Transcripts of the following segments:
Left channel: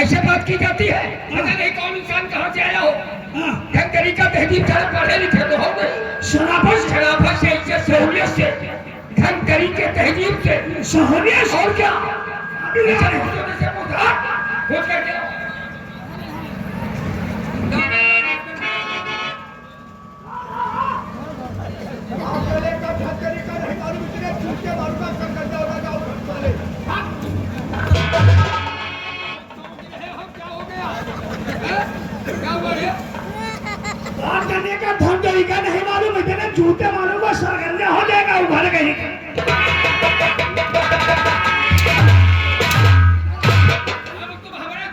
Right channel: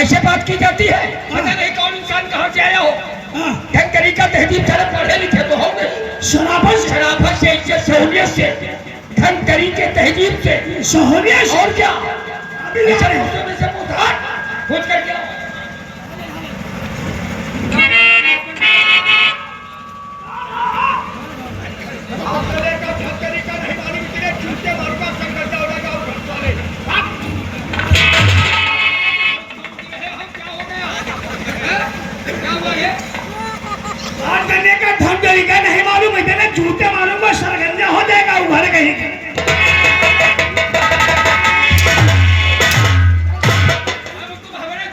ऐसे बात की जाती है? पता नहीं कौन इंसान कहाँ से आया हो। ढंग तरीका तहजीब से पढ़े लिखे तो हो गए। शराफत से, इज्जत सहूलियत से, ढंग तरीके तहजीब से, सहूलियत और क्या। पूछ कर क्या नहीं मालूम इतने जूते मारूंगा सरगंजा हो जाएगा उभर कहीं।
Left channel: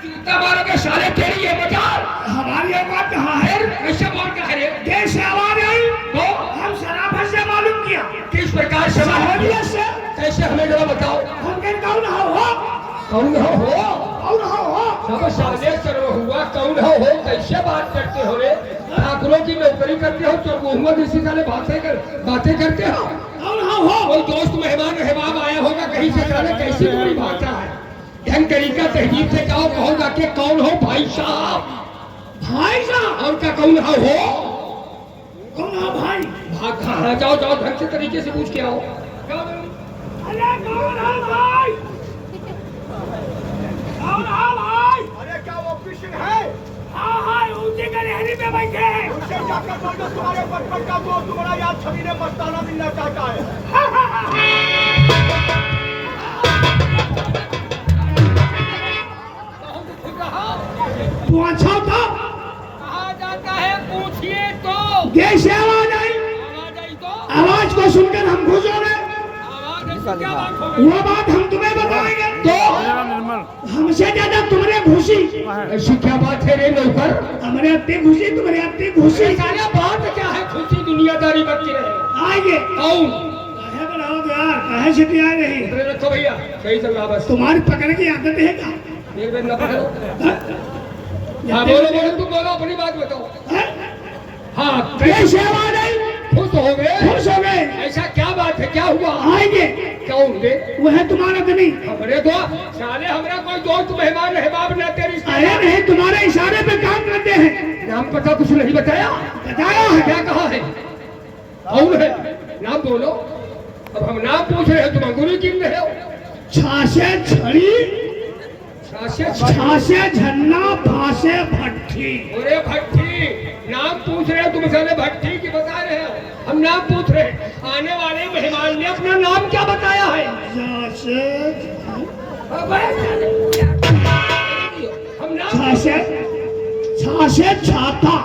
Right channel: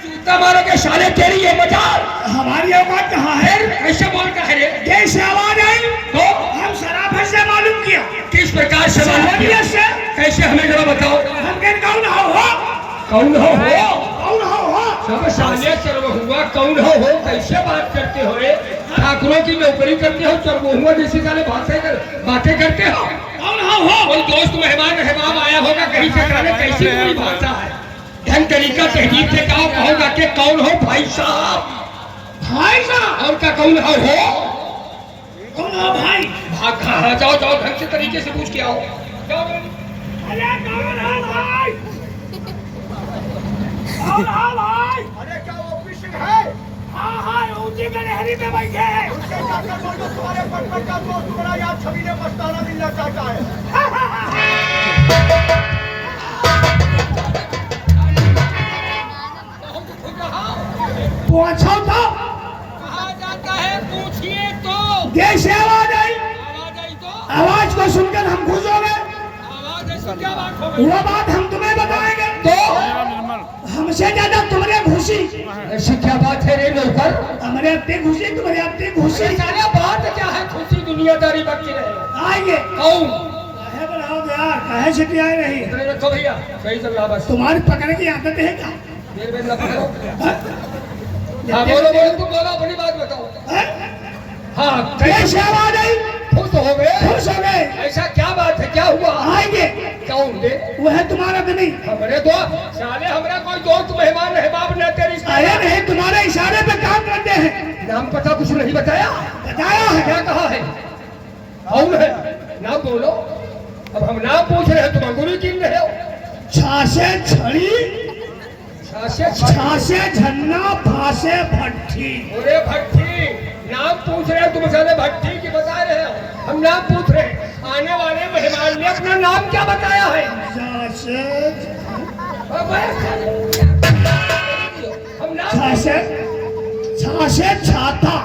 जूता मारोगे साले, तेरी ये मजाल। हमारी औकात कहाँ है? कैसे बोल का है रे? कैसे आवाज आई? तो हम शराफत से मालूम किया। किस प्रकार से मालूम से? कैसे हमें जरा बताओ। हम कौन कौन हो? कौन हो? कौन हो? सब साले सर्व हुआ कौन हो? कैसे बात करते हो रे? ठाकुरों की नौकरी करते हो, चरगोहुआ जैसी साले बातें करते हो। कौन हो? कोई दोस्त मेहमान आया होगा कहीं से, जाने कैसी पूरी भाषा है। ढंग तरीका तहजीब से जाओ, कहोगा कि कौन हो भाई साहब। भाई साहब और का कौन हो? कौन हो भाई? भाग हाँ, जाओ ढंग से तरीके से पूछ के आओ। अरे कौन हो भाई? कौन हो भाई? अरे क्या वो फिशिंग है? हाँ ऊंची गलहरी में बैठे हैं। उनसे जाकर बोल दो तुम्हारे बचपन का दोस्त तुम्हारा याद छवि ने मस्ताना मिलना चाहता है। पूछो तो कहाँ जाता है पूछिए तो। कैसे आवाज आई? आवाज आई तो आवाज को सुनकर हम खुश हो गए। आवाज ऐसी क्या बात हो गई? वो बात हम तुम्हें बताएंगे। तो हमसे ज्यादा तुमने घुसी। ऐसी क्या बात है रे नौकर? हमारे अत्ते घुसी, तुम्हारे अत्ते घुसी। सारे बात क्या है? खुशी दुनियादारी बच्चे रहे। आएंगे कौन? कहे बनाओ यार, कहे छिपी आए नहीं। इतने रखो भैया, सही चल रहा बस। तुम्हारी पकड़ने की आदत है क्या? एक मिनट ना पकड़ो। हाँ बोलो तुम बोलो, अपनी बात बताओ। हाँ कैसे आवाज आई? खुश हो गए? खुश हो गए। ऐसा क्या बात है? क्या हुआ? आएंगे। कौन रे? वो है तुम्हारा जमीन। हमरे दोस्त साले, हमरा कोई दोस्त मेहमान है बाप ना तेरी। अरे नहीं, तुम्हारे इशारे पे काम करते हैं। नाम पता कुछ नहीं बताया? बताया है। क्या कहा है? कौन है? नाम बोलो। अब हम नाम पूछ रहे हैं, तुम अंगूरी गिन रहे हो। छासे छड़ी, छासे झन्ना, फासे भट्टी। अरे भट्टी नाम पूछ रहे हो तुम, साले भट्टी की बता रहे हो। हम नाम पूछ रहे हैं। आने वाले मेहमान ने अपना नाम क्या बताया है? हम नाम छासे छाता।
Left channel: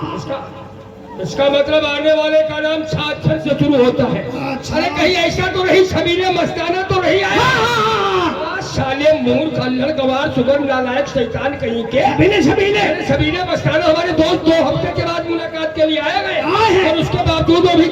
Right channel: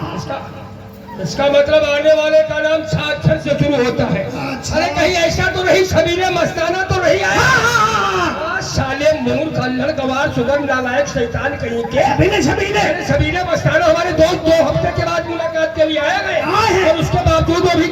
इसका मतलब आने वाले का नाम छाछर से शुरू होता है। अरे कहीं ऐसा तो नहीं सबीरे मस्ताना तो नहीं आया? साले मूर्ख अल्हड़ गवार सुगंध नालायक शैतान कहीं के। सबीरे मस्ताना हमारे दोस्त 2 हफ्ते के बाद मुलाकात के लिए आए गए और उसके बावजूद वो भी